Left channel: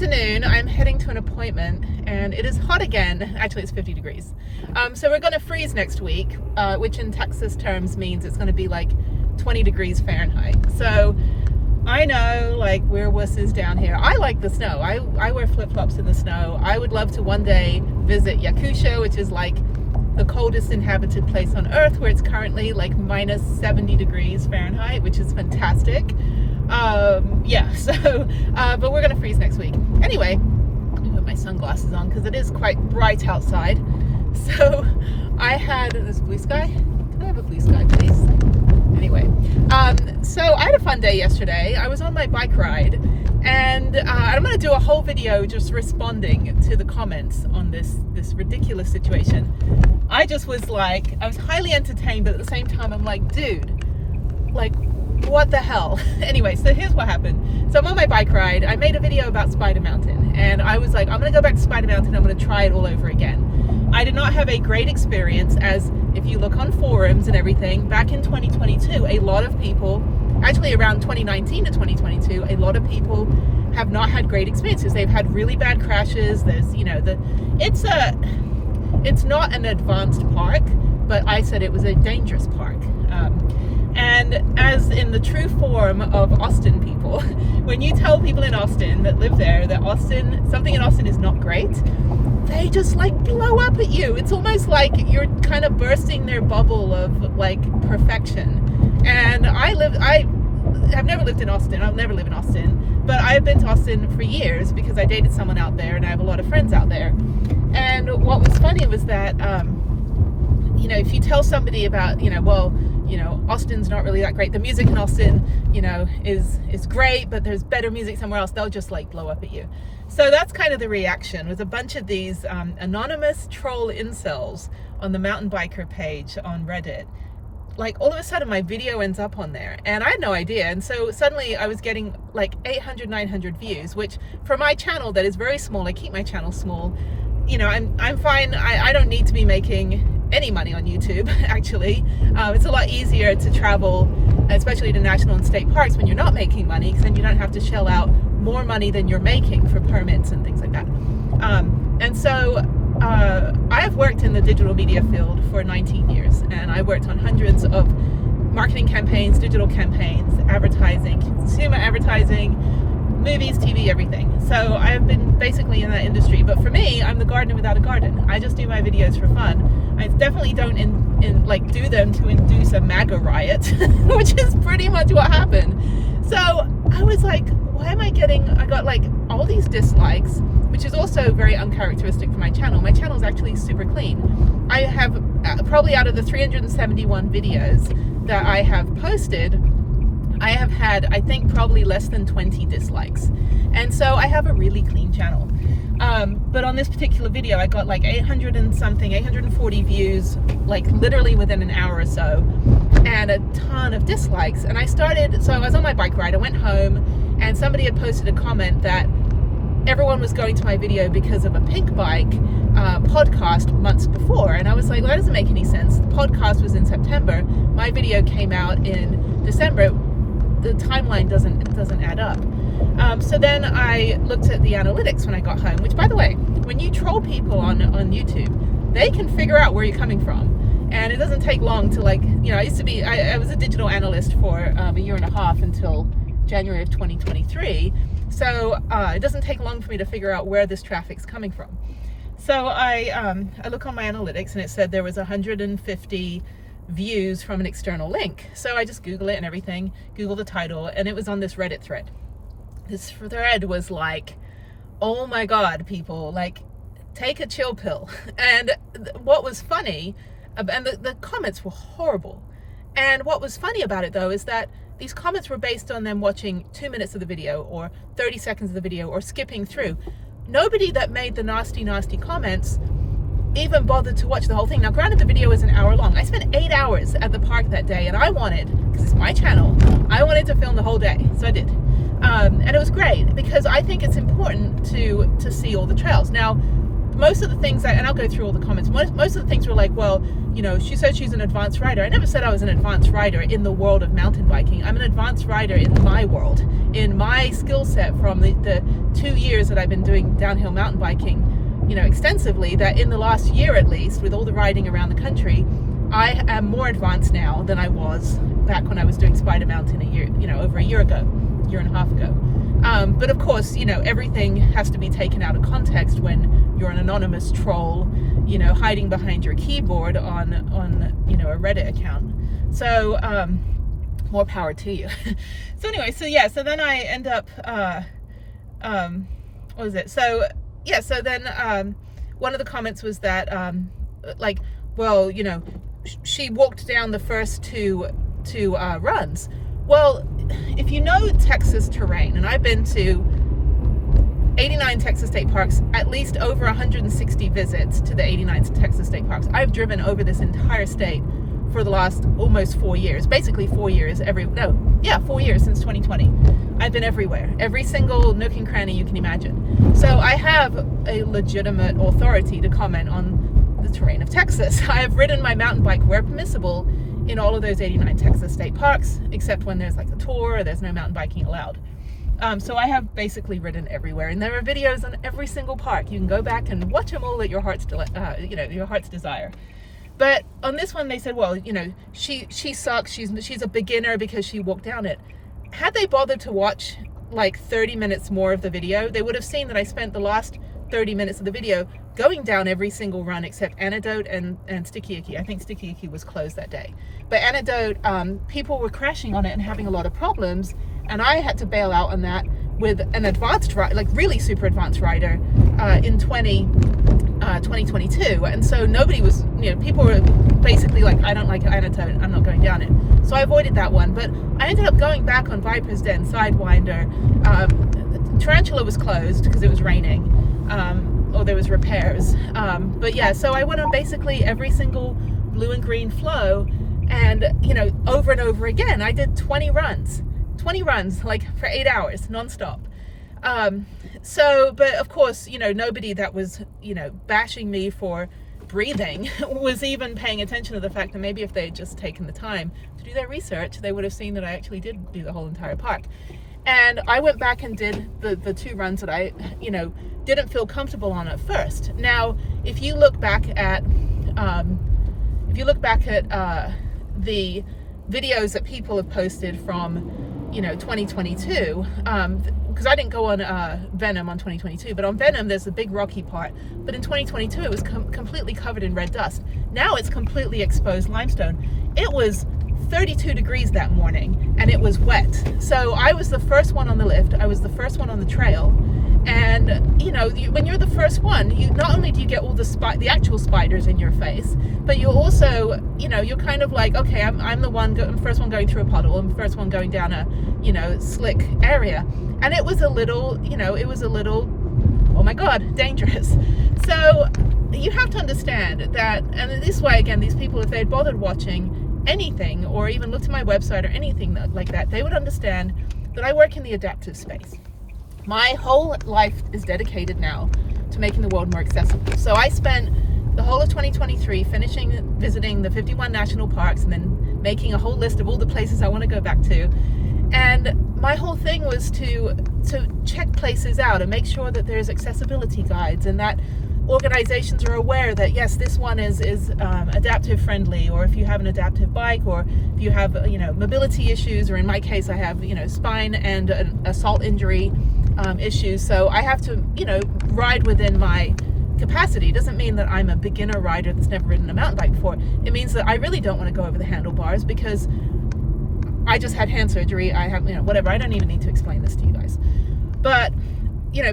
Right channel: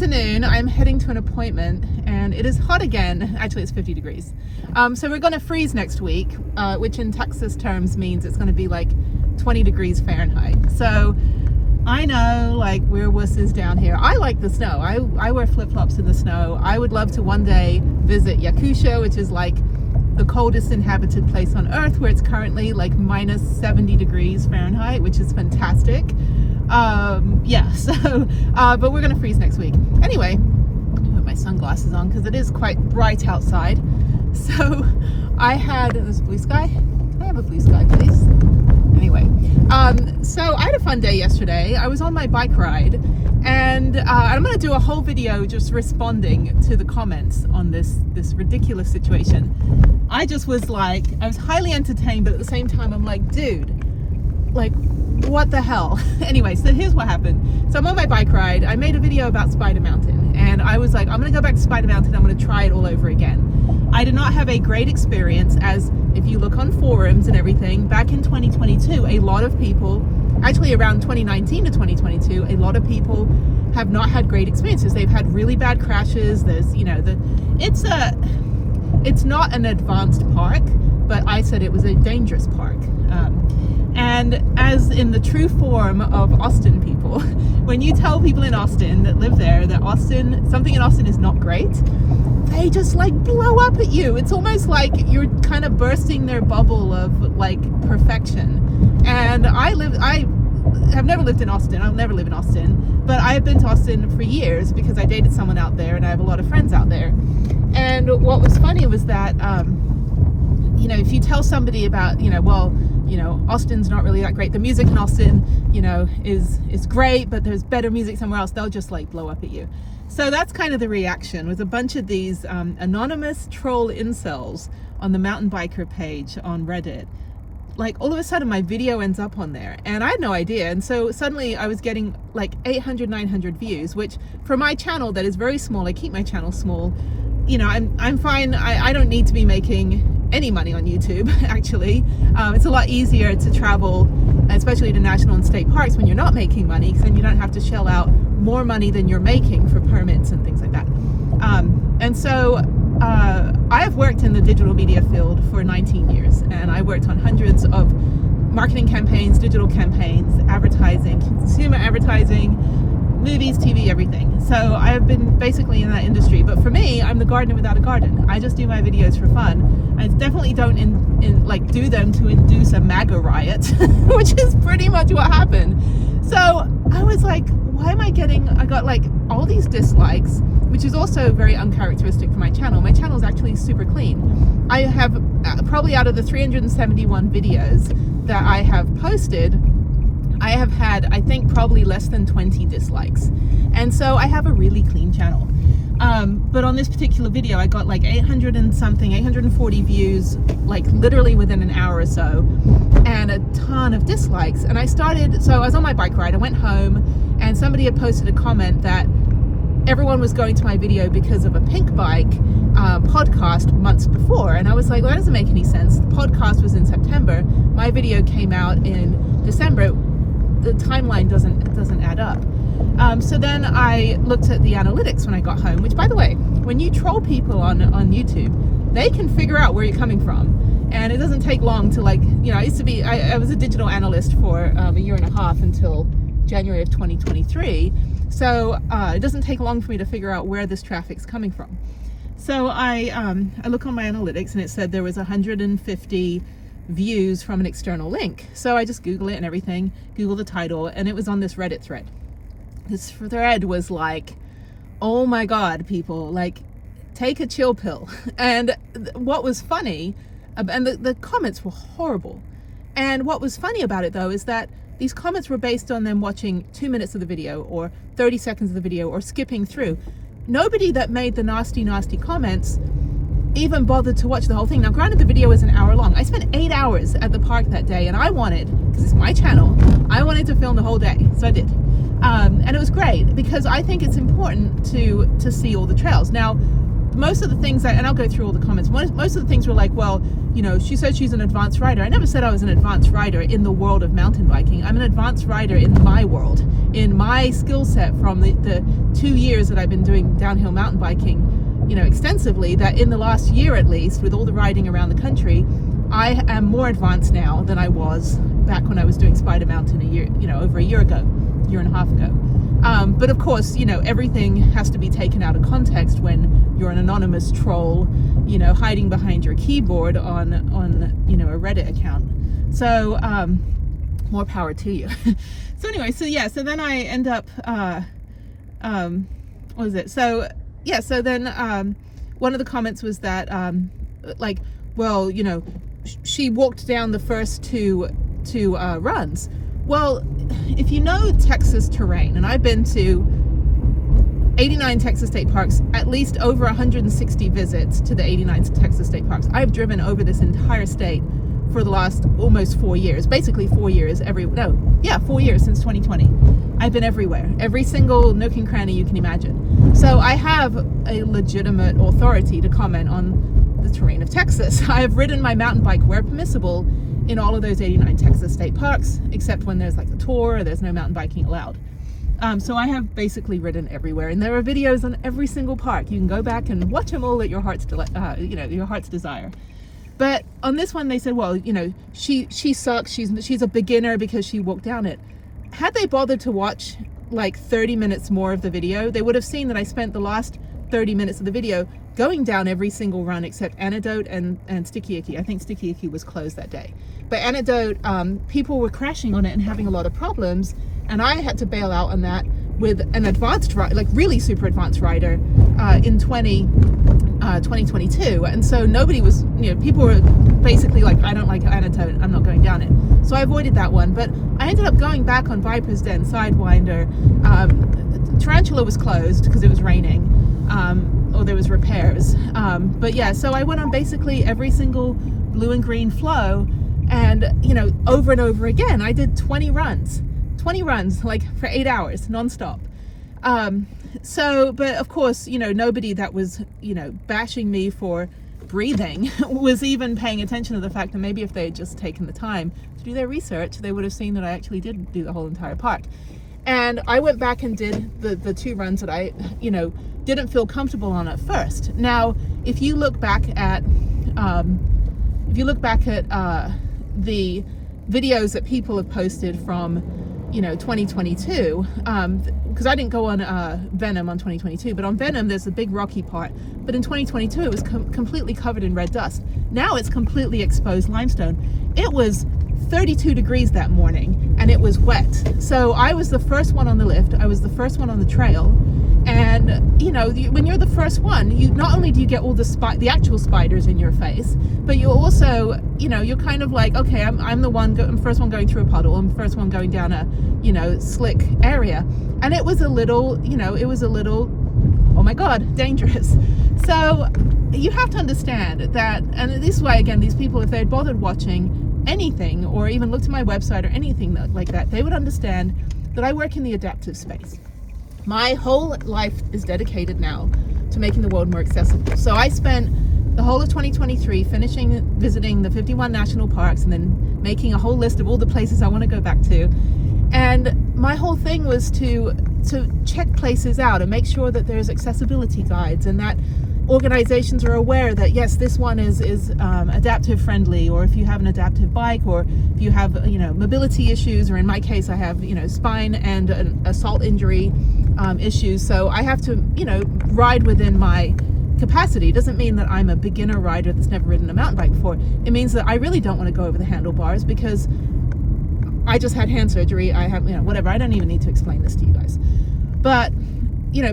afternoon. I'm heading to an appointment and it is hot again. Actually, it's 50 degrees. So we're going to freeze next week, which in Texas terms means it's going to be like 20 degrees Fahrenheit. So I know, like, we're wusses down here. I like the snow. I wear flip-flops in the snow. I would love to one day visit Yakusho, which is like the coldest inhabited place on earth, where it's currently like minus 70 degrees Fahrenheit, which is fantastic. But we're gonna freeze next week. Anyway, let me put my sunglasses on because it is quite bright outside. So I had this blue sky. Can I have a blue sky, please? Anyway, so I had a fun day yesterday. I was on my bike ride, and I'm going to do a whole video just responding to the comments on this ridiculous situation. I just was like, I was highly entertained, but at the same time, I'm like, dude, like, what the hell? Anyway, so here's what happened. So I'm on my bike ride. I made a video about Spider Mountain, and I was like, I'm going to go back to Spider Mountain. I'm going to try it all over again. I did not have a great experience, as if you look on forums and everything, back in 2022, a lot of people, actually around 2019 to 2022, a lot of people have not had great experiences. They've had really bad crashes. There's, you know, it's not an advanced park, but I said it was a dangerous park. And as in the true form of Austin people, when you tell people in Austin that live there that something in Austin is not great, they just like blow up at you. It's almost like you're kind of bursting their bubble of like perfection. And I have never lived in Austin. I'll never live in Austin, but I've been to Austin for years because I dated someone out there and I have a lot of friends out there. And what was funny was that, you know, if you tell somebody about, Austin's not really that great. The music in Austin, is great, but there's better music somewhere else. They'll just like blow up at you. So that's kind of the reaction, with a bunch of these anonymous troll incels on the mountain biker page on Reddit. Like, all of a sudden my video ends up on there and I had no idea. And so suddenly I was getting like 800, 900 views, which for my channel that is very small, I keep my channel small, I'm fine. I don't need to be making any money on YouTube, actually. It's a lot easier to travel, especially to national and state parks, when you're not making money, because then you don't have to shell out more money than you're making for permits and things like that. And so I've worked in the digital media field for 19 years, and I worked on hundreds of marketing campaigns, digital campaigns, advertising, consumer advertising, movies, TV, everything. So I have been basically in that industry. But for me, I'm the gardener without a garden. I just do my videos for fun. I definitely don't do them to induce a MAGA riot, which is pretty much what happened. So I was like, why am I I got like all these dislikes, which is also very uncharacteristic for my channel. My channel is actually super clean. I have probably, out of the 371 videos that I have posted, I have had, I think, probably less than 20 dislikes. And so I have a really clean channel. But on this particular video, I got like 840 views, like literally within an hour or so, and a ton of dislikes. And so I was on my bike ride, I went home, and somebody had posted a comment that everyone was going to my video because of a Pink Bike podcast months before. And I was like, well, that doesn't make any sense. The podcast was in September. My video came out in December. The timeline doesn't add up. So then I looked at the analytics when I got home, which, by the way, when you troll people on YouTube, they can figure out where you're coming from. And it doesn't take long to, like, I was a digital analyst for a year and a half until January of 2023. So it doesn't take long for me to figure out where this traffic's coming from. So I look on my analytics, and it said there was 150 views from an external link. So I just Google it and everything, Google the title, and it was on this Reddit thread. This thread was like, oh my God, people, like, take a chill pill. And what was funny, and the comments were horrible. And what was funny about it, though, is that these comments were based on them watching 2 minutes of the video or 30 seconds of the video or skipping through. Nobody that made the nasty, nasty comments even bothered to watch the whole thing. Now, granted, the video was an hour long. I spent 8 hours at the park that day, and I wanted, because it's my channel, I wanted to film the whole day, so I did. And it was great, because I think it's important to see all the trails. Now, most of the things, and I'll go through all the comments, most of the things were like, well, she said she's an advanced rider. I never said I was an advanced rider in the world of mountain biking. I'm an advanced rider in my world, in my skill set from the 2 years that I've been doing downhill mountain biking, extensively, that in the last year at least, with all the riding around the country, I am more advanced now than I was back when I was doing Spider Mountain over a year and a half ago. But of course, everything has to be taken out of context when you're an anonymous troll, hiding behind your keyboard on a Reddit account. So more power to you. So anyway, so then I end up, what was it? So then one of the comments was that she walked down the first two runs. Well, if you know Texas terrain, and I've been to 89 Texas state parks, at least over 160 visits to the 89 Texas state parks. I've driven over this entire state for the last almost 4 years, basically 4 years, 4 years since 2020. I've been everywhere, every single nook and cranny you can imagine. So I have a legitimate authority to comment on the terrain of Texas. I have ridden my mountain bike where permissible in all of those 89 Texas state parks, except when there's like a tour or there's no mountain biking allowed. So I have basically ridden everywhere, and there are videos on every single park. You can go back and watch them all at your heart's your heart's desire. But on this one, they said, well, she sucks. She's a beginner because she walked down it. Had they bothered to watch like 30 minutes more of the video, they would have seen that I spent the last 30 minutes of the video going down every single run except Antidote and Sticky Icky. I think Sticky Icky was closed that day. But Antidote, people were crashing on it and having a lot of problems, and I had to bail out on that with an advanced rider, like really super advanced rider, in 2022. And so nobody was, people were basically like, I don't like Antidote, I'm not going down it. So I avoided that one, but I ended up going back on Viper's Den, Sidewinder. Tarantula was closed because it was raining, or there was repairs. But yeah, so I went on basically every single blue and green flow, and over and over again. I did 20 runs like for 8 hours nonstop. But of course, nobody that was bashing me for breathing was even paying attention to the fact that maybe if they had just taken the time to do their research, they would have seen that I actually did do the whole entire park. And I went back and did the 2 runs that I didn't feel comfortable on at first. Now if you look back at the videos that people have posted from 2022, because I didn't go on Venom on 2022, but on Venom there's a big rocky part, but in 2022 it was completely covered in red dust. Now it's completely exposed limestone. It was 32 degrees that morning and it was wet, so I was the first one on the lift, I was the first one on the trail. And when you're the first one, you not only do you get all the actual spiders in your face, but you also you're kind of like, okay, I'm the first one going through a puddle, I'm the first one going down a slick area. And it was a little oh my god, dangerous. So you have to understand that, and this is why, again, these people, if they had bothered watching anything or even looked at my website or anything like that, they would understand that I work in the adaptive space. My whole life is dedicated now to making the world more accessible. So I spent the whole of 2023 visiting the 51 national parks and then making a whole list of all the places I want to go back to. And my whole thing was to check places out and make sure that there's accessibility guides and that organizations are aware that yes, this one is adaptive friendly, or if you have an adaptive bike, or if you have mobility issues, or in my case I have spine and an assault injury issues, so I have to ride within my capacity. It doesn't mean that I'm a beginner rider that's never ridden a mountain bike before. It means that I really don't want to go over the handlebars because I just had hand surgery. I have whatever. I don't even need to explain this to you guys, but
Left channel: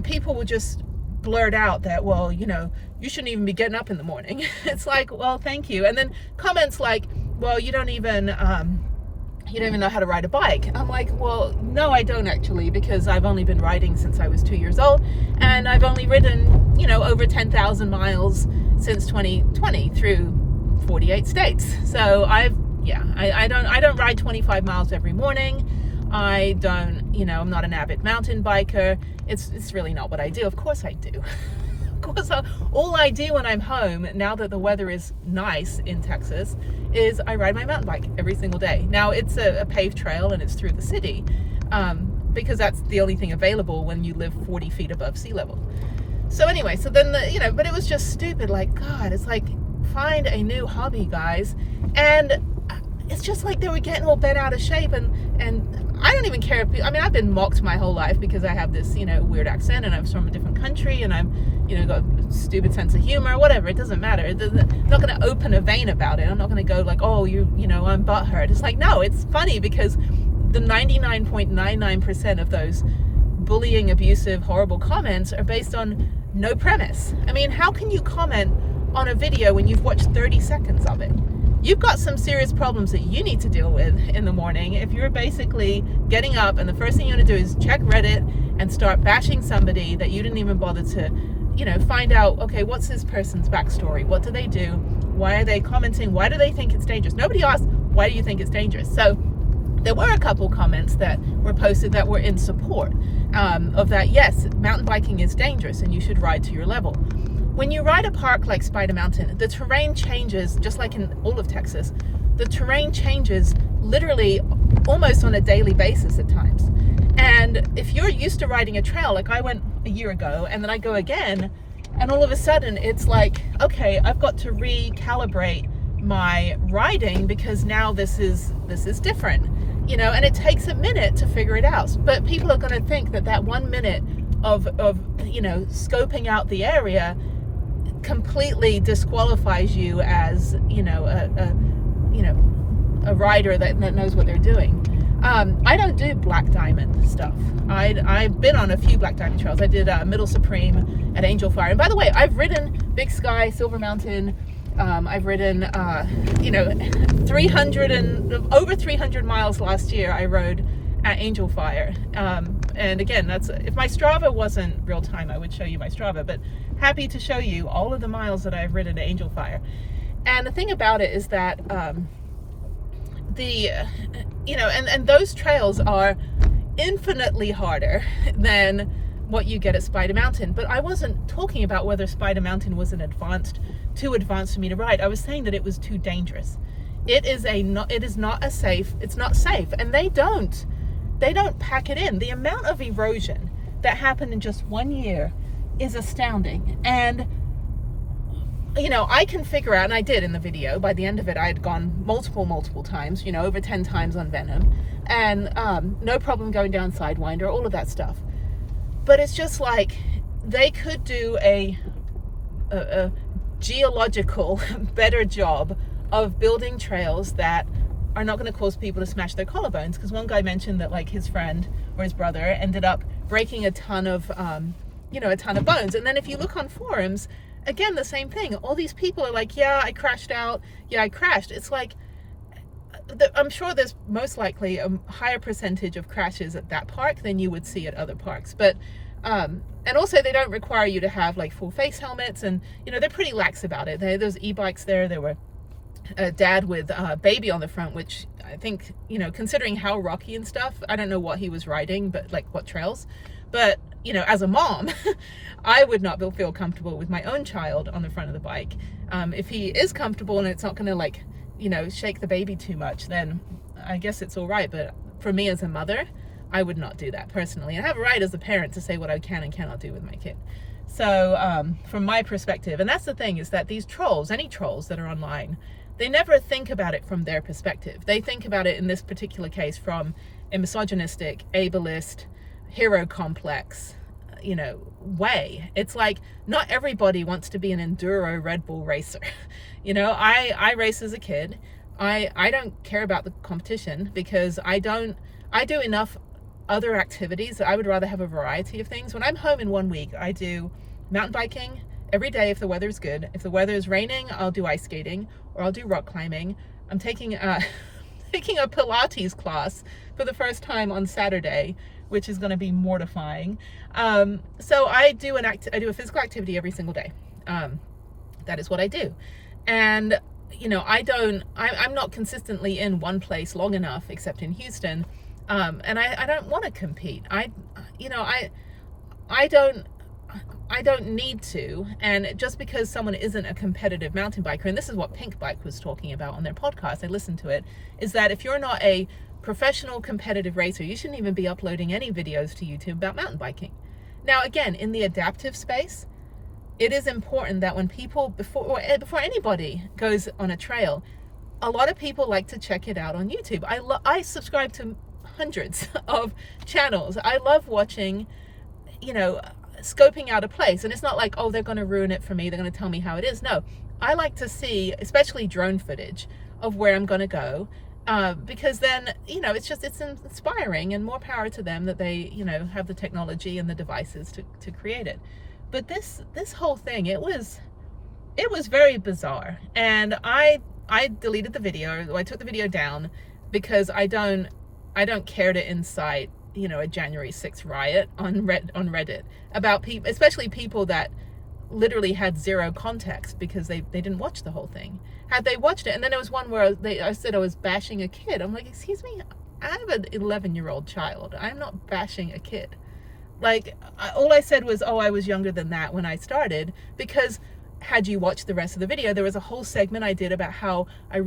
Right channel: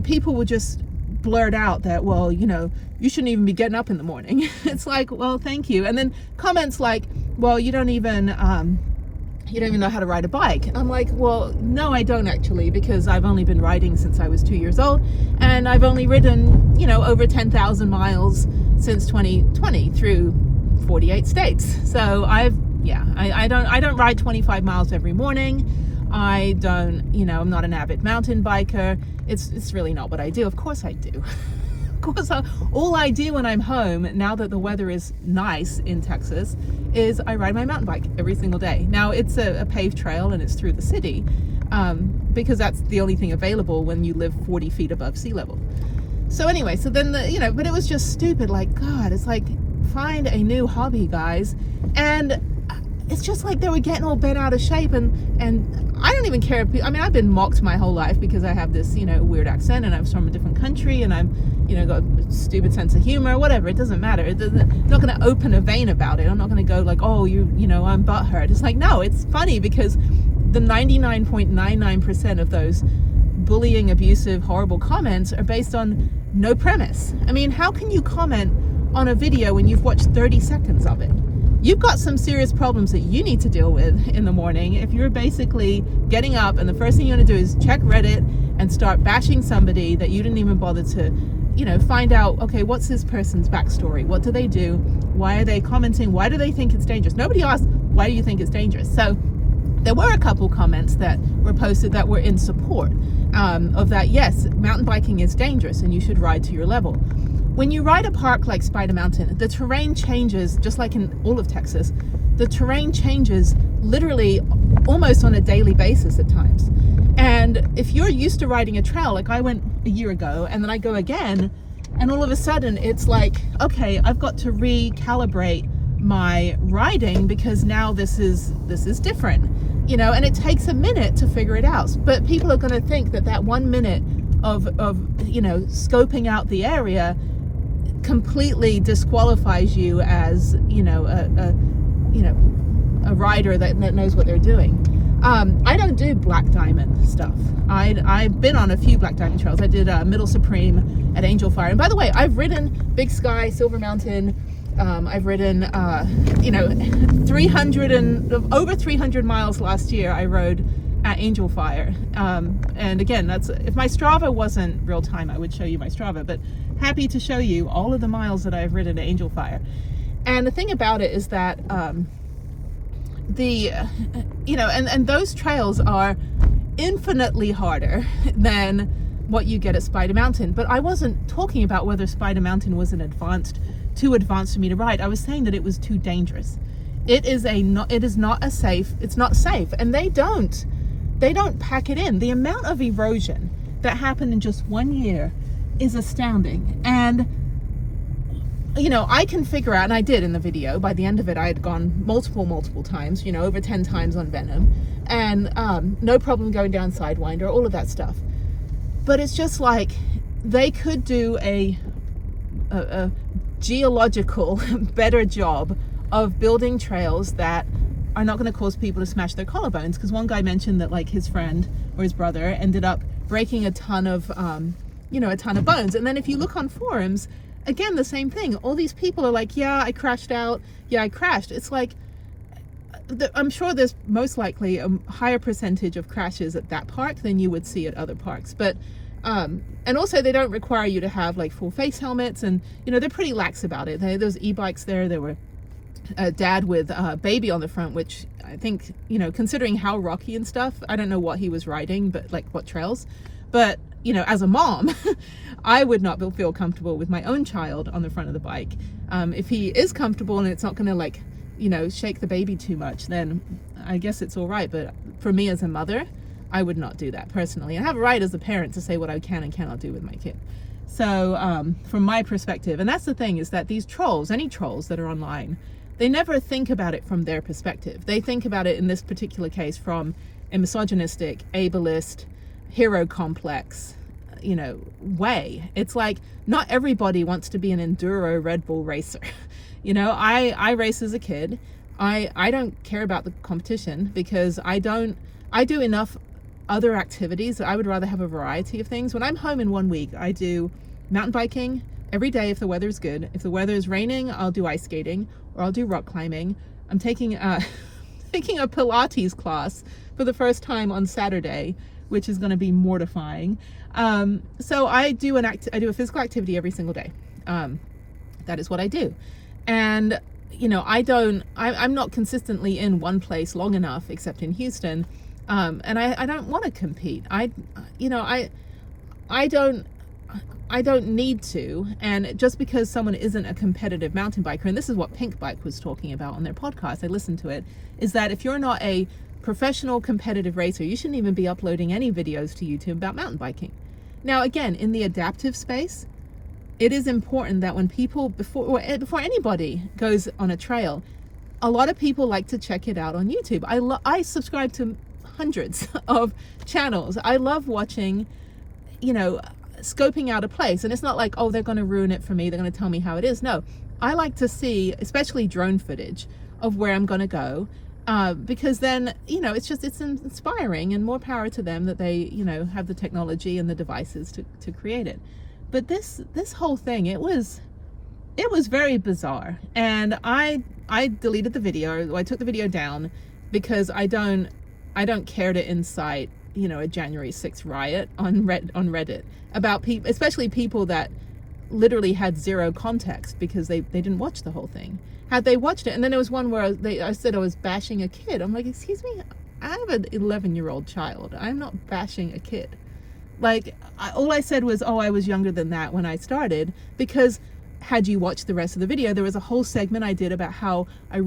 people will just blurt out that, well, you shouldn't even be getting up in the morning. It's like, well, thank you. And then comments like, well, you don't even know how to ride a bike. I'm like, well, no, I don't actually, because I've only been riding since I was 2 years old, and I've only ridden over 10,000 miles since 2020 through 48 states. So I don't ride 25 miles every morning. I don't, I'm not an avid mountain biker. It's really not what I do. Of course I do. Of course, all I do when I'm home, now that the weather is nice in Texas, is I ride my mountain bike every single day. Now it's a paved trail and it's through the city, because that's the only thing available when you live 40 feet above sea level. So anyway, so then but it was just stupid. Like, God, it's like, find a new hobby, guys. And it's just like they were getting all bent out of shape, and I don't even care if I mean, I've been mocked my whole life because I have this, weird accent, and I'm from a different country, and I'm, got a stupid sense of humor, whatever. It doesn't matter. I'm not going to open a vein about it. I'm not going to go like, oh, I'm butthurt. It's like, no, it's funny because the 99.99% of those bullying, abusive, horrible comments are based on no premise. I mean, how can you comment on a video when you've watched 30 seconds of it? You've got some serious problems that you need to deal with in the morning if you're basically getting up and the first thing you want to do is check Reddit and start bashing somebody that you didn't even bother to, find out, okay, what's this person's backstory? What do they do? Why are they commenting? Why do they think it's dangerous? Nobody asked, why do you think it's dangerous? So there were a couple comments that were posted that were in support of that. Yes, mountain biking is dangerous and you should ride to your level. When you ride a park like Spider Mountain, the terrain changes, just like in all of Texas. The terrain changes literally almost on a daily basis at times. And if you're used to riding a trail, like I went a year ago, and then I go again, and all of a sudden it's like, okay, I've got to recalibrate my riding because now this is different, and it takes a minute to figure it out. But people are going to think that 1 minute of scoping out the area completely disqualifies you as a rider that knows what they're doing. I don't do black diamond stuff. I've been on a few black diamond trails. I did Middle Supreme at Angel Fire, and by the way, I've ridden Big Sky, Silver Mountain. I've ridden over 300 miles last year. I rode at Angel Fire, and again, that's, if my Strava wasn't real time, I would show you my Strava, but happy to show you all of the miles that I've ridden at Angel Fire. And the thing about it is that and those trails are infinitely harder than what you get at Spider Mountain. But I wasn't talking about whether Spider Mountain was too advanced for me to ride. I was saying that it was too dangerous. It's not safe, and they don't pack it in. The amount of erosion that happened in just 1 year is astounding. And I can figure out, and I did in the video, by the end of it I had gone multiple times, over 10 times on Venom, and no problem going down Sidewinder, all of that stuff. But it's just like, they could do a geological better job of building trails that are not going to cause people to smash their collarbones. Because one guy mentioned that, like, his friend or his brother ended up breaking a ton of bones. And then if you look on forums, again, the same thing. All these people are like, yeah, I crashed out. Yeah, I crashed. It's like, I'm sure there's most likely a higher percentage of crashes at that park than you would see at other parks. But, and also they don't require you to have like full face helmets, and, they're pretty lax about it. There's e-bikes there. There were a dad with a baby on the front, which I think, considering how rocky and stuff, I don't know what he was riding, but like what trails. But, as a mom, I would not feel comfortable with my own child on the front of the bike. If he is comfortable and it's not going to shake the baby too much, then I guess it's all right. But for me as a mother, I would not do that personally. I have a right as a parent to say what I can and cannot do with my kid. So from my perspective, and that's the thing, is that these trolls, any trolls that are online, they never think about it from their perspective. They think about it in this particular case from a misogynistic, ableist, hero complex, way. It's like, not everybody wants to be an enduro Red Bull racer. I race as a kid. I don't care about the competition because I do enough other activities. I would rather have a variety of things. When I'm home in 1 week, I do mountain biking every day if the weather's good. If the weather is raining, I'll do ice skating or I'll do rock climbing. I'm taking a Pilates class for the first time on Saturday, which is going to be mortifying. So I do a physical activity every single day. That is what I do. And, I'm not consistently in one place long enough, except in Houston. And I don't want to compete. I don't need to. And just because someone isn't a competitive mountain biker, and this is what Pink Bike was talking about on their podcast, I listened to it, is that if you're not a professional competitive racer, you shouldn't even be uploading any videos to YouTube about mountain biking. Now, again, in the adaptive space, it is important that when people, before anybody goes on a trail, a lot of people like to check it out on YouTube. I subscribe to hundreds of channels. I love watching, scoping out a place. And it's not like, oh, they're going to ruin it for me, they're going to tell me how it is. No, I like to see, especially drone footage of where I'm going to go, because then, it's inspiring, and more power to them that they, have the technology and the devices to create it. But this whole thing, it was very bizarre. And I deleted the video. I took the video down because I don't care to incite, a January 6th riot on Reddit about people, especially people that literally had zero context because they didn't watch the whole thing. Had they watched it, and then there was one where I said I was bashing a kid. I'm like, excuse me, I have an 11-year-old child. I'm not bashing a kid. Like, all I said was, oh, I was younger than that when I started, because had you watched the rest of the video, there was a whole segment I did about how I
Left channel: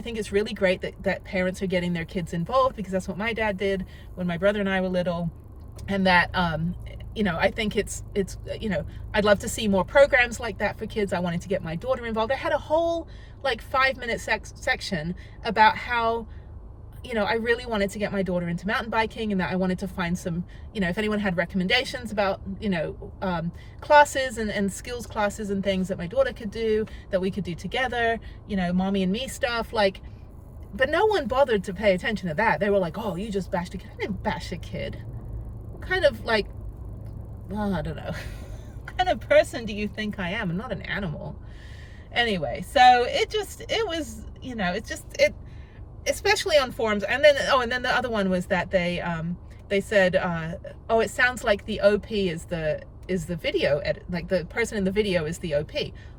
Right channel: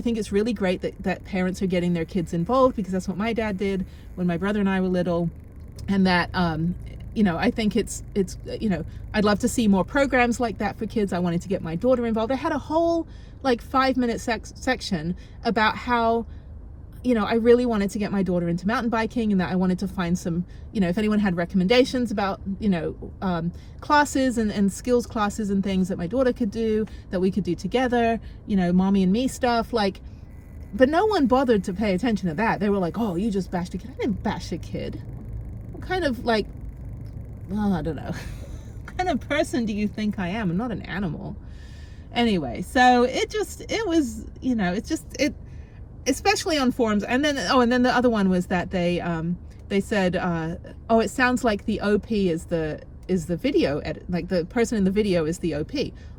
think it's really great that parents are getting their kids involved, because that's what my dad did when my brother and I were little. And that, I think it's I'd love to see more programs like that for kids. I wanted to get my daughter involved. I had a whole 5-minute section about how, I really wanted to get my daughter into mountain biking, and that I wanted to find some, if anyone had recommendations about, classes and skills classes and things that my daughter could do, that we could do together, mommy and me stuff, but no one bothered to pay attention to that. They were like, oh, you just bashed a kid. I didn't bash a kid. What kind of I don't know, what kind of person do you think I am? I'm not an animal. Anyway, so it was, especially on forums. And then the other one was that they said, it sounds like the OP is the video edit, like the person in the video is the OP.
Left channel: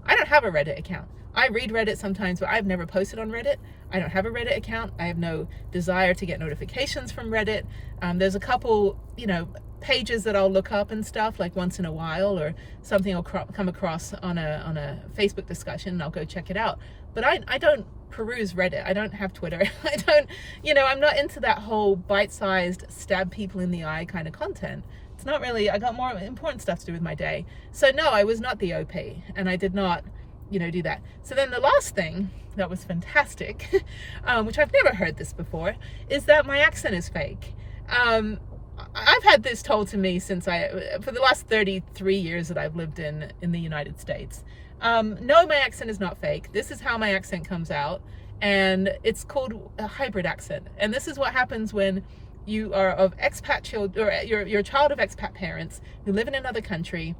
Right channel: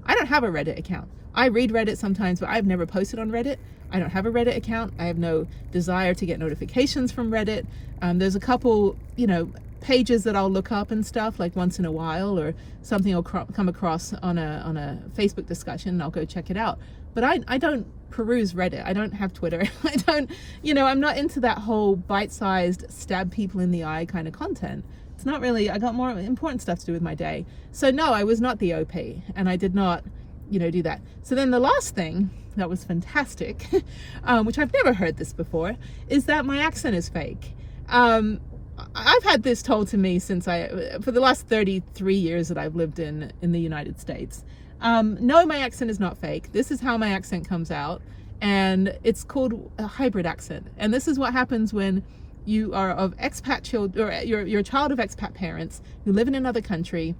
I don't have a Reddit account. I read Reddit sometimes, but I've never posted on Reddit. I don't have a Reddit account. I have no desire to get notifications from Reddit. There's a couple, pages that I'll look up and stuff, like once in a while, or something will come across on a Facebook discussion, and I'll go check it out. But I don't peruse Reddit. I don't have Twitter. I don't, I'm not into that whole bite-sized, stab people in the eye kind of content. It's not really, I got more important stuff to do with my day. So no, I was not the OP, and I did not, do that. So then the last thing that was fantastic, which I've never heard this before, is that my accent is fake. I've had this told to me for the last 33 years that I've lived in the United States. No, my accent is not fake. This is how my accent comes out, and it's called a hybrid accent. And this is what happens when you are of expat children, or you're a child of expat parents who live in another country,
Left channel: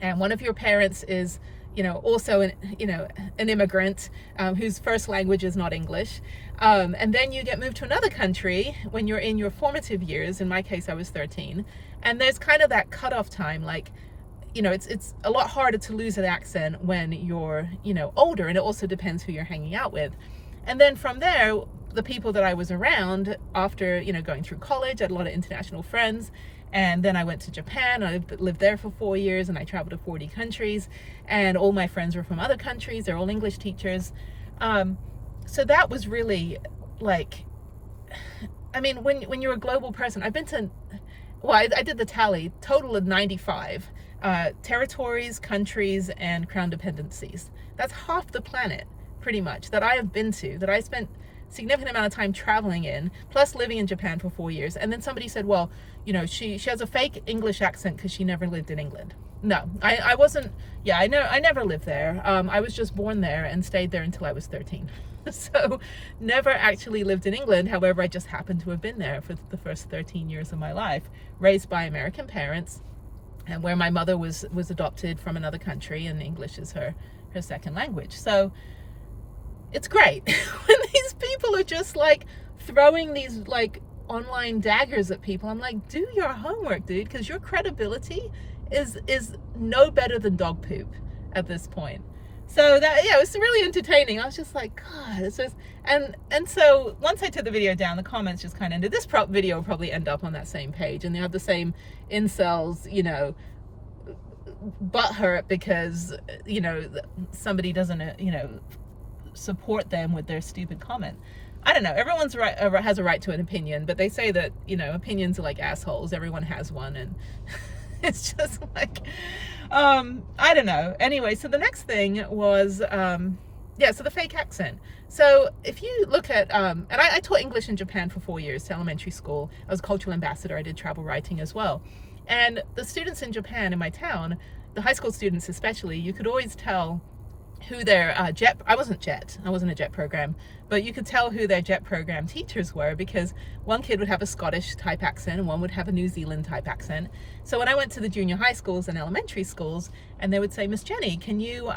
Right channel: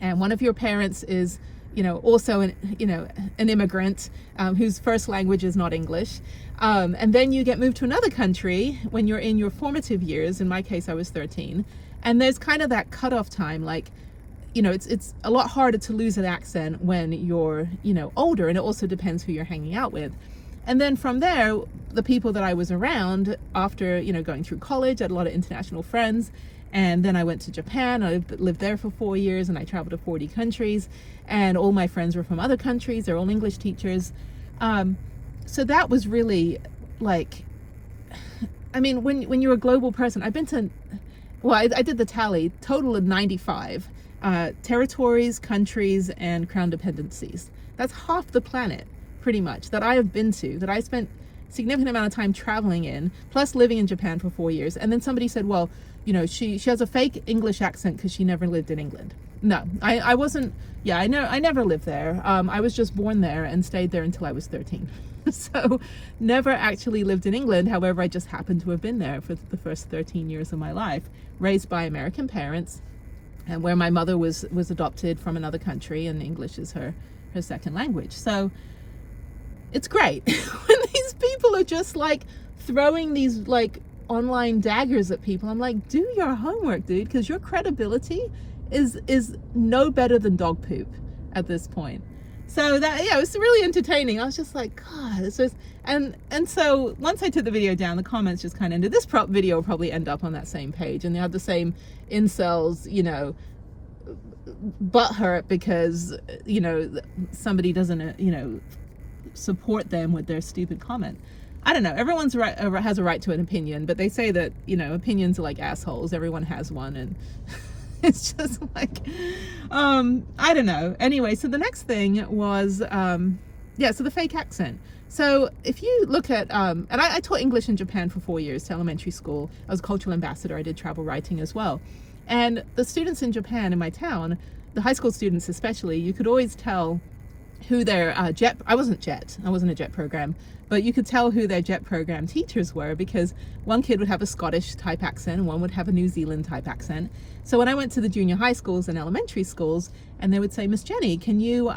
and one of your parents is, also an immigrant whose first language is not English. And then you get moved to another country when you're in your formative years. In my case, I was 13. And there's kind of that cutoff time, it's a lot harder to lose an accent when you're, older, and it also depends who you're hanging out with. And then from there, the people that I was around after, going through college, I had a lot of international friends. And then I went to Japan. I lived there for 4 years, and I traveled to 40 countries, and all my friends were from other countries. They're all English teachers. So that was really when you're a global person, I've been to, I did the tally, total of 95 territories, countries, and crown dependencies. That's half the planet, pretty much, that I have been to, that I spent significant amount of time traveling in, plus living in Japan for 4 years. And then somebody said, well, she has a fake English accent because she never lived in England. No, I wasn't. Yeah, I never lived there. I was just born there and stayed there until I was 13. So never actually lived in England. However, I just happened to have been there for the first 13 years of my life, raised by American parents, and where my mother was adopted from another country, and English is her second language. So it's great when these people are just throwing these online daggers at people. I'm like, do your homework, dude, because your credibility is no better than dog poop at this point. So that, yeah, it was really entertaining. I was just like, God, it's just, and so once I took the video down, the comments just kind of ended. This video will probably end up on that same page, and they have the same incels, butthurt because, somebody doesn't, support them with their stupid comment. I don't know. Everyone's right, has a right to an opinion, but they say that, opinions are like assholes. Everyone has one, and it's just like, I don't know. Anyway, so the next thing was, so the fake accent. So if you look at, and I taught English in Japan for 4 years to elementary school. I was a cultural ambassador. I did travel writing as well. And the students in Japan in my town, the high school students especially, you could always tell who their I wasn't a JET program, but you could tell who their JET program teachers were, because one kid would have a Scottish type accent and one would have a New Zealand type accent. So when I went to the junior high schools and elementary schools, and they would say, Miss Jenny, can you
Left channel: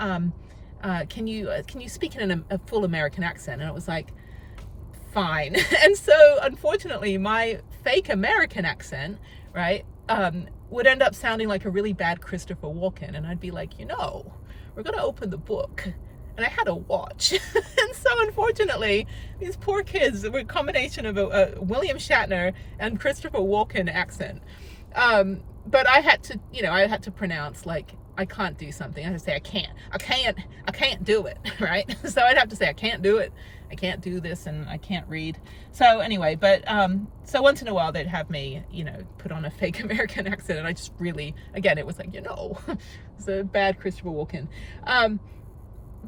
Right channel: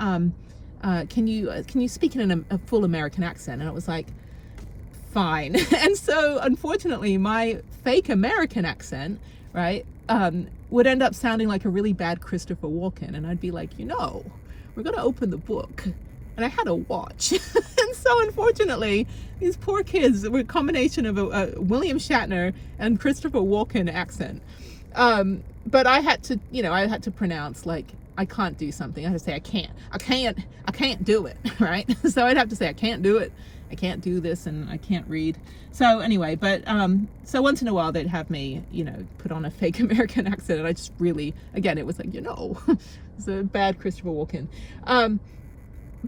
speak in a full American accent? And it was like, fine. And so unfortunately my fake American accent, right, would end up sounding like a really bad Christopher Walken. And I'd be like, we're going to open the book. And I had a watch. And so unfortunately, these poor kids were a combination of a William Shatner and Christopher Walken accent. But I had to pronounce, like, I can't do something. I had to say, I can't do it, right? So I'd have to say, I can't do it. I can't do this, and I can't read. So anyway, but so once in a while they'd have me, put on a fake American accent, and I just really, again, it was like, it's a bad Christopher Walken.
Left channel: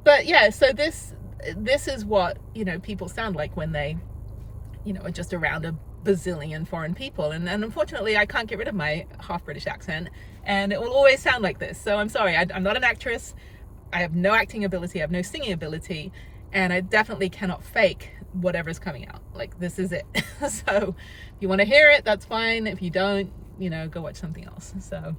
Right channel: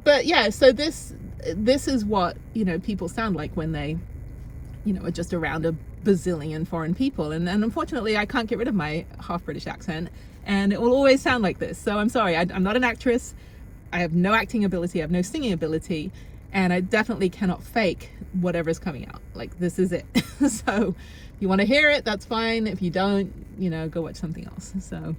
But yeah, so this is what, people sound like when they, are just around a bazillion foreign people. And unfortunately, I can't get rid of my half British accent, and it will always sound like this. So I'm sorry, I'm not an actress. I have no acting ability. I have no singing ability. And I definitely cannot fake whatever's coming out. Like, this is it. So if you want to hear it, that's fine. If you don't, go watch something else. So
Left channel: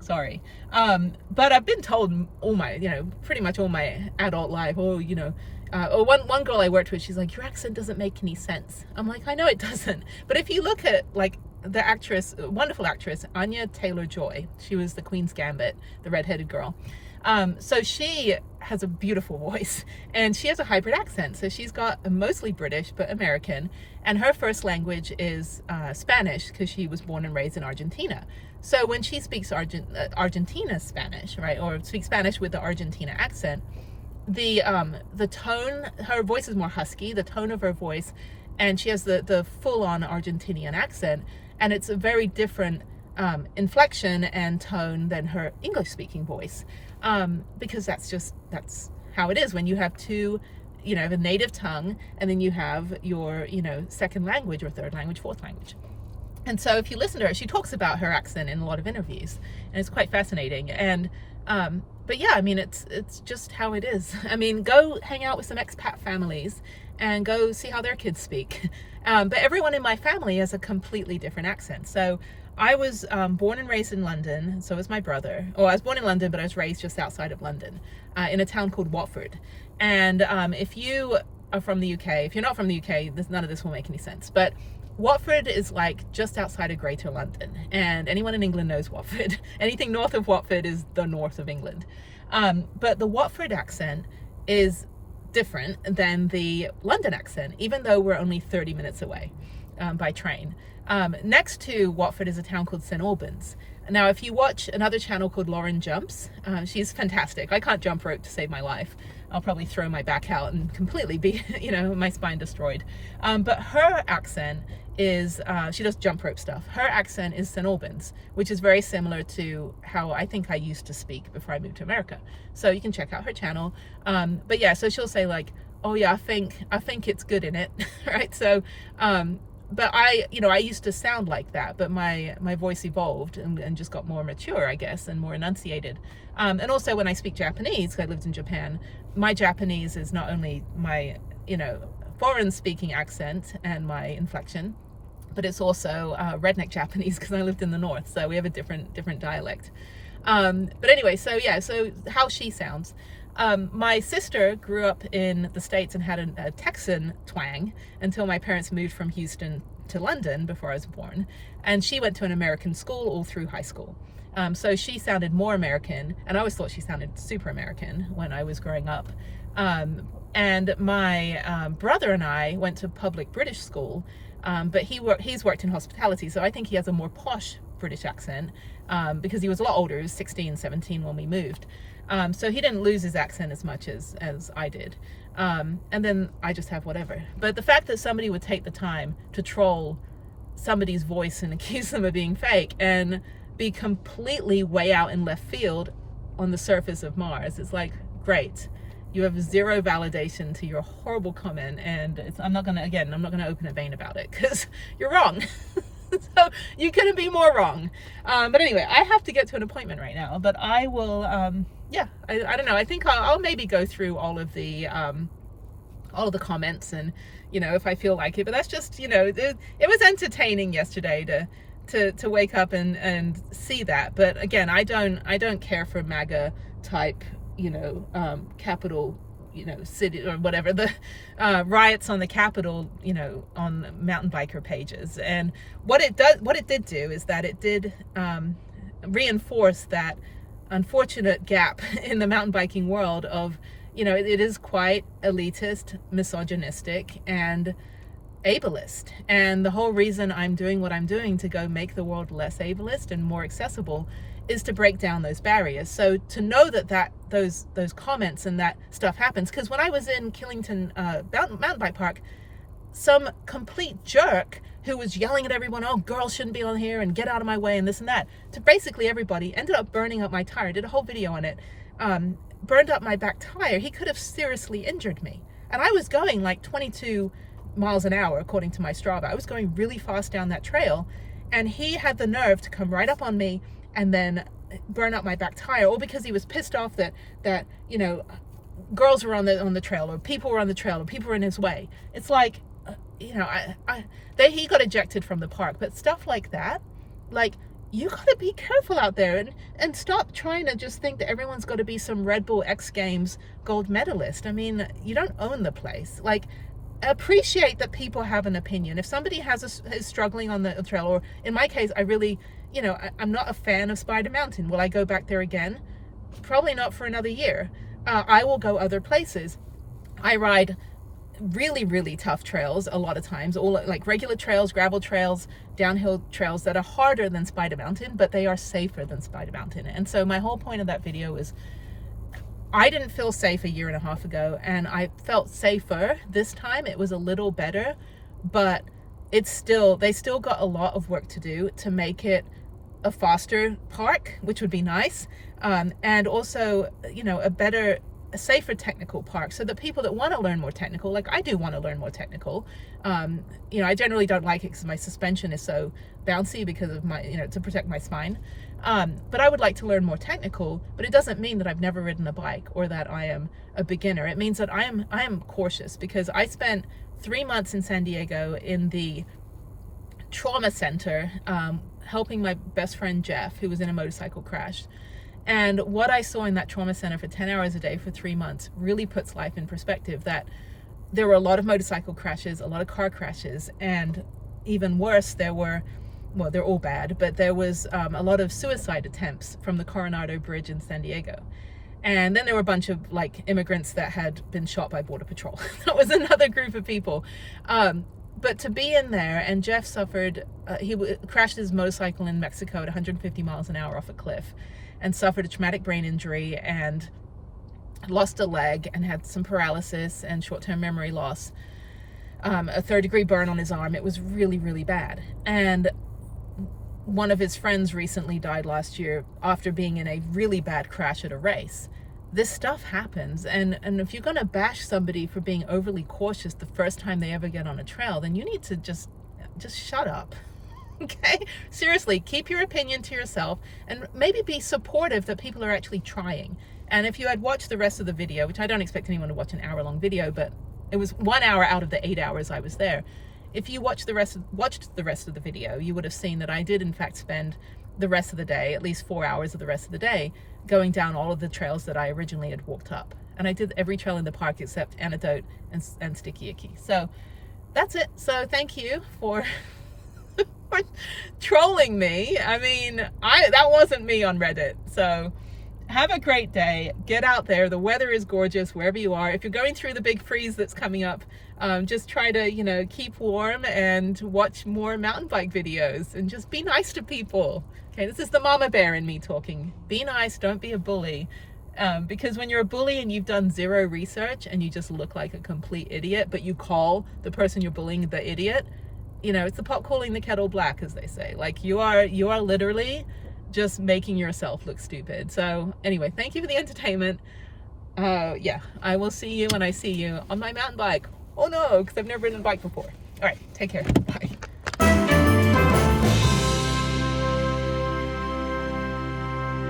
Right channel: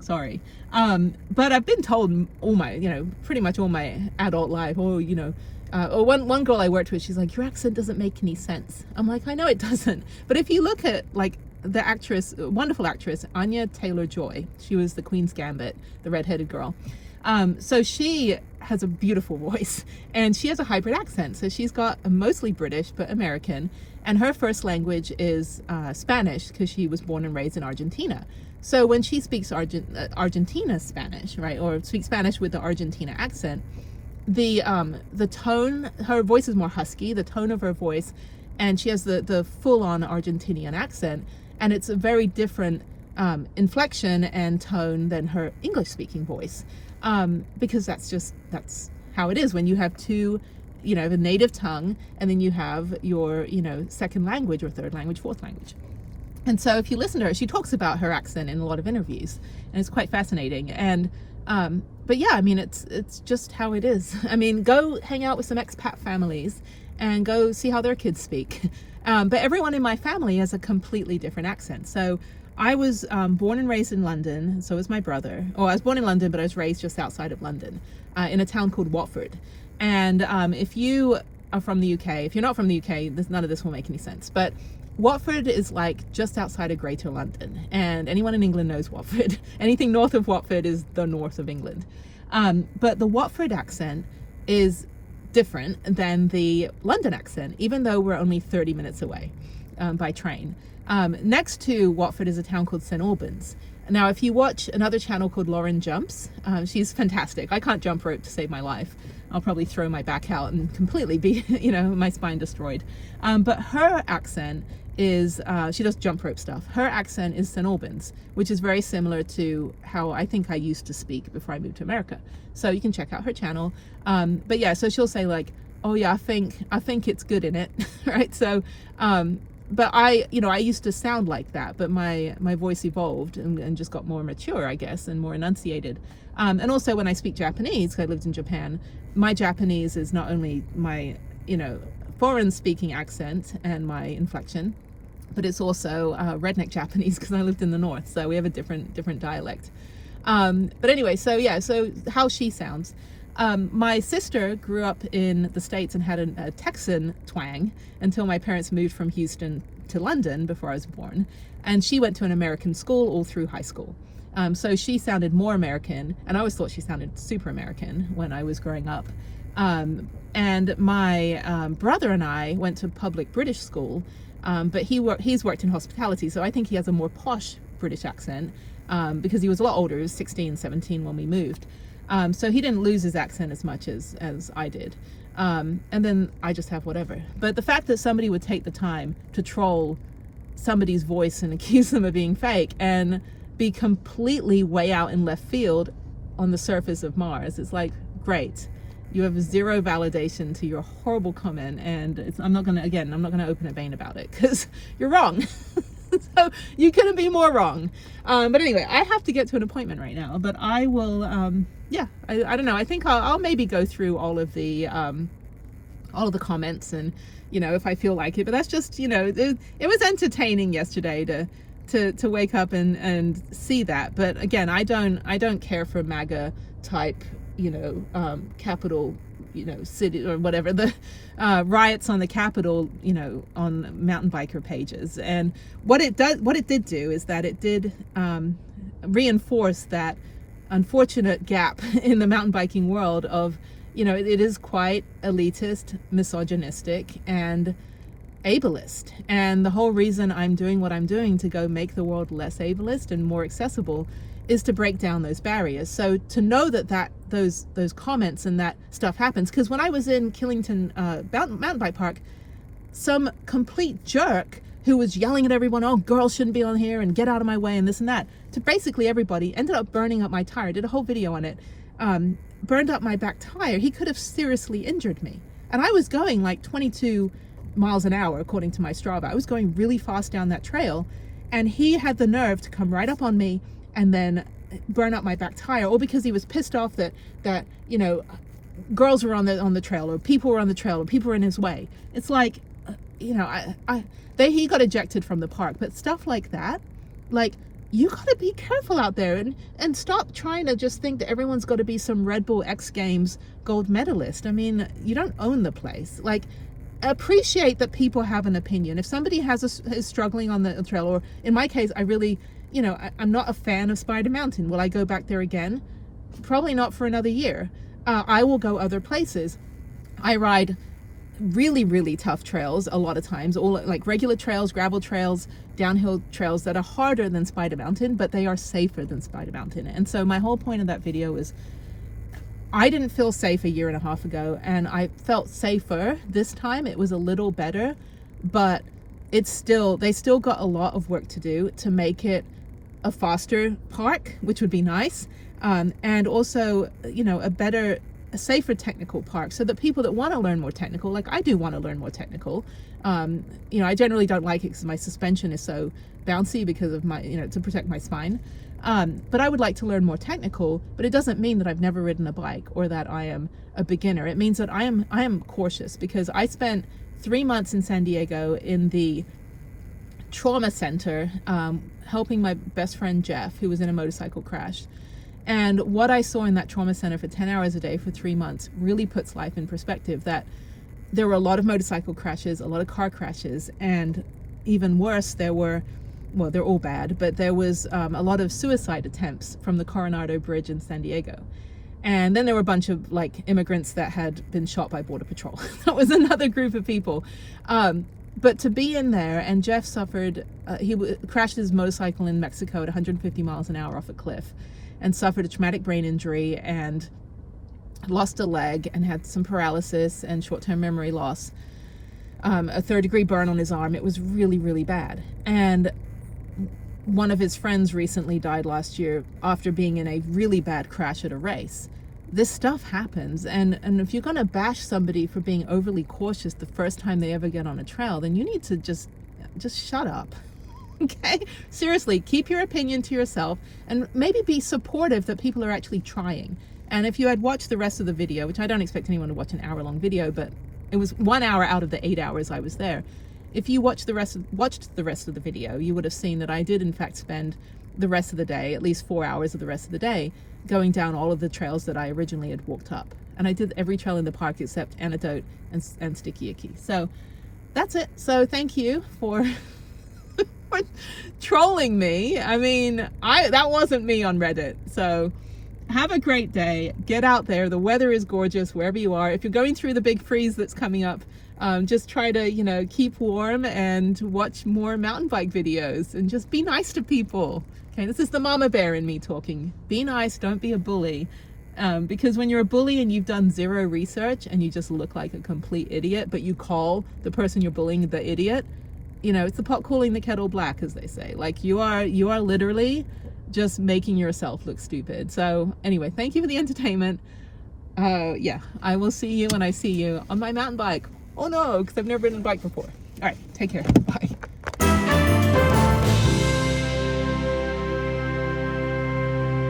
sorry. But I've been told all my, pretty much all my adult life, or one girl I worked with, she's like, your accent doesn't make any sense. I'm like, I know it doesn't. But if you look at, like, the actress, wonderful actress, Anya Taylor-Joy, she was the Queen's Gambit, the redheaded girl. So she has a beautiful voice, and she has a hybrid accent. So she's got a mostly British, but American, and her first language is Spanish, because she was born and raised in Argentina. So when she speaks Argentina Spanish, right, or speaks Spanish with the Argentina accent, the tone, her voice is more husky, the tone of her voice, and she has the full-on Argentinian accent, and it's a very different inflection and tone than her English-speaking voice, because that's how it is when you have two, the native tongue, and then you have your, second language or third language, fourth language. And so if you listen to her, she talks about her accent in a lot of interviews, and it's quite fascinating. And but yeah, I mean, it's just how it is. I mean, go hang out with some expat families and go see how their kids speak. But everyone in my family has a completely different accent. So I was born and raised in London, so was my brother. Well, I was born in London, but I was raised just outside of London, in a town called Watford. And if you are from the UK, if you're not from the UK, none of this will make any sense. But Watford is like just outside of Greater London, and anyone in England knows Watford. Anything north of Watford is the north of England. But the Watford accent is different than the London accent, even though we're only 30 minutes away by train. Next to Watford is a town called St Albans. Now, if you watch another channel called Lauren Jumps, she's fantastic. I can't jump rope to save my life. I'll probably throw my back out and completely be, my spine destroyed. But her accent is, she does jump rope stuff. Her accent is St Albans, which is very similar to how I think I used to speak before I moved to America. So you can check out her channel. But yeah, so she'll say like, oh yeah, I think it's good in it, right? So, but I used to sound like that, but my voice evolved and just got more mature, I guess, and more enunciated. And also when I speak Japanese, 'cause I lived in Japan, my Japanese is not only my, foreign speaking accent and my inflection, but it's also redneck Japanese, because I lived in the north, so we have a different dialect. But anyway, so yeah, so how she sounds. My sister grew up in the States and had a Texan twang until my parents moved from Houston to London before I was born. And she went to an American school all through high school. So she sounded more American, and I always thought she sounded super American when I was growing up. And my brother and I went to public British school, but he's worked in hospitality, so I think he has a more posh British accent, because he was a lot older. He was 16, 17 when we moved. So he didn't lose his accent as much as I did. And then I just have whatever. But the fact that somebody would take the time to troll somebody's voice and accuse them of being fake and be completely way out in left field on the surface of Mars, it's like, great. You have zero validation to your horrible comment, and I'm not gonna open a vein about it because you're wrong. So you couldn't be more wrong. But anyway, I have to get to an appointment right now, but I will, I don't know. I think I'll maybe go through all of the comments, and, you know, if I feel like it, but that's just, you know, it was entertaining yesterday to wake up and see that. But again, I don't care for MAGA type, you know, Capitol, you know, city or whatever, the riots on the Capitol, you know, on mountain biker pages. And what it did do is that it did reinforce that unfortunate gap in the mountain biking world of, you know, it is quite elitist, misogynistic, and ableist. And the whole reason I'm doing what I'm doing to go make the world less ableist and more accessible is to break down those barriers. So to know that those comments and that stuff happens, because when I was in Killington mountain bike park, some complete jerk who was yelling at everyone, oh, girls shouldn't be on here and get out of my way and this and that, to basically everybody, ended up burning up my tire. Did a whole video on it. Burned up my back tire. He could have seriously injured me. And I was going like 22 miles an hour according to my Strava. I was going really fast down that trail, and he had the nerve to come right up on me and then burn up my back tire, all because he was pissed off that you know, girls were on the trail, or people were on the trail, or people were in his way. It's like, you know, he got ejected from the park. But stuff like that, like, you gotta be careful out there, and stop trying to just think that everyone's got to be some Red Bull X Games gold medalist. I mean, you don't own the place. Like, appreciate that people have an opinion. If somebody is struggling on the trail, or in my case, I really, you know, I'm not a fan of Spider Mountain. Will I go back there again? Probably not for another year. I will go other places. I ride really, really tough trails a lot of times, all like regular trails, gravel trails, downhill trails that are harder than Spider Mountain, but they are safer than Spider Mountain. And so my whole point of that video is, I didn't feel safe a year and a half ago, and I felt safer this time. It was a little better, but they still got a lot of work to do to make it a faster park, which would be nice, and also, you know, a safer technical park, so that people that want to learn more technical, like I do want to learn more technical, you know, I generally don't like it because my suspension is so bouncy because of my, you know, to protect my spine, but I would like to learn more technical. But it doesn't mean that I've never ridden a bike or that I am a beginner. It means that I am cautious, because I spent 3 months in San Diego in the trauma center, helping my best friend Jeff, who was in a motorcycle crash. And what I saw in that trauma center for 10 hours a day for 3 months really puts life in perspective, that there were a lot of motorcycle crashes, a lot of car crashes, and even worse, there were, well, they're all bad, but there was a lot of suicide attempts from the Coronado Bridge in San Diego. And then there were a bunch of like immigrants that had been shot by Border Patrol. That was another group of people. But to be in there, and Jeff suffered, he crashed his motorcycle in Mexico at 150 miles an hour off a cliff, and suffered a traumatic brain injury, and lost a leg, and had some paralysis and short-term memory loss, a third-degree burn on his arm. It was really, really bad. And one of his friends recently died last year after being in a really bad crash at a race. This stuff happens, and if you're gonna bash somebody for being overly cautious the first time they ever get on a trail, then you need to just shut up. Okay? Seriously, keep your opinion to yourself, and maybe be supportive that people are actually trying. And if you had watched the rest of the video, which I don't expect anyone to watch an hour-long video, but it was 1 hour out of the 8 hours I was there. If you watched the rest of the video, you would have seen that I did in fact spend the rest of the day, at least 4 hours of the rest of the day, going down all of the trails that I originally had walked up. And I did every trail in the park except Antidote and Sticky Icky. So that's it. So thank you for trolling me. I mean, that wasn't me on Reddit. So have a great day. Get out there. The weather is gorgeous wherever you are. If you're going through the big freeze that's coming up, just try to, you know, keep warm and watch more mountain bike videos and just be nice to people. Okay, this is the mama bear in me talking. Be nice, don't be a bully. Because when you're a bully and you've done zero research and you just look like a complete idiot, but you call the person you're bullying the idiot, you know, it's the pot calling the kettle black, as they say. Like, you are literally just making yourself look stupid. So anyway, thank you for the entertainment. Yeah, I will see you when I see you on my mountain bike. Oh no, because I've never ridden a bike before. All right, take care. Bye.